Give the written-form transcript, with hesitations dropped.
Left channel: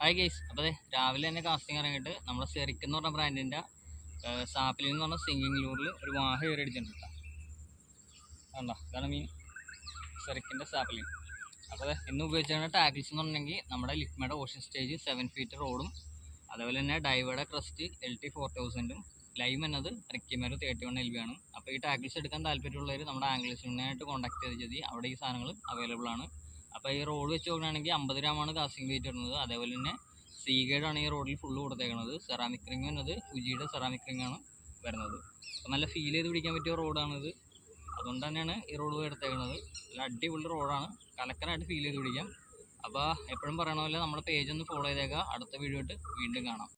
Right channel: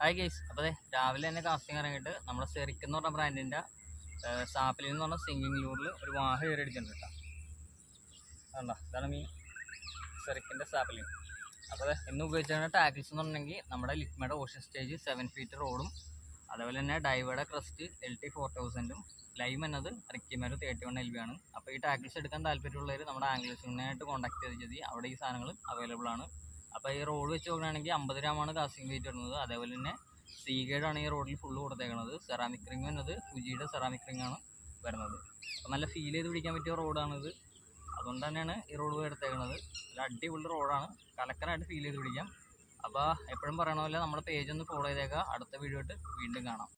Hi guys. അപ്പോൾ രാവിലെ തന്നെ കാസ്റ്റിംഗ് ഇറങ്ങിയിട്ട് നമ്മുടെ സെറിക്ക് എന്ന് പറഞ്ഞ ബ്രാൻഡിൻ്റെ സാപ്പിലിൽ എന്ന് പറഞ്ഞ സിംഗിങ് ലൂറിൽ ഒരു വാഹ കയറി അടിച്ചിട്ടുണ്ട് കേട്ടോ. അതുകൊണ്ടാ ഇതാണ് മീൻ, സെറിക്കിൻ്റെ സാപ്പിലിൻ. അപ്പോൾ ഇന്ന് ഉപയോഗിച്ചിരുന്ന ടാക്കിൾസ് എന്ന് പറഞ്ഞിട്ടുണ്ടെങ്കിൽ നമ്മുടെ ലിക്മയുടെ ഓഷൻ സ്റ്റേജ് 7 ഫീറ്റ് റോഡും, അതേപോലെ തന്നെ ഡൈവയുടെ ക്രസ്റ്റ് LT4000ഉം, ലൈം എന്നത് റിക്കിമേര് 31 LB ആണ്. അപ്പോൾ ഈ ടാക്കിൾസ് എടുക്കാൻ താല്പര്യമുള്ളവർ നമ്മുടെ ആംഗ്ലേഴ്സിനായിട്ട് കോൺടാക്ട് ചെയ്ത് അവിടെ ഈ സാധനങ്ങൾ അവൈലബിൾ ആണ്. അപ്പോൾ ഈ റോഡ് വെച്ച് നോക്കുകയാണെങ്കിൽ 50 ഗ്രാമാണ് കാസ്റ്റിംഗ് വെയിറ്റ് വരുന്നത്. അതേപോലെ തന്നെ സീഗേഡാണ് ഈ റോഡിൽ ഫുള്ള് കൊടുത്തേക്കുന്നത്. സെറാമിക് റിംഗ് എന്നത് ഫുജിയുടെ സെറാമിക് റിംഗ് ആണ് വരുന്നത്. അപ്പോൾ നല്ല ഫീൽ ചെയ്ത് പിടിക്കാൻ പറ്റിയ റോഡാണിത്. അതുകൊണ്ട് തന്നെയാണ് ഈ റോഡ് എടുത്തേക്കുന്നത്. നല്ല അടിപൊളി റോഡാണ്, കലക്കനായിട്ട് ഫീൽ ചെയ്ത് പിടിക്കാം. അപ്പോൾ എപ്പോഴും പറയണ പോലെ നമ്മുടെ പേജ് ഒന്ന് ഫോളോ ചെയ്തേക്കുക. അടുത്ത വീഡിയോ ആയിട്ട് വീണ്ടും കാണാം.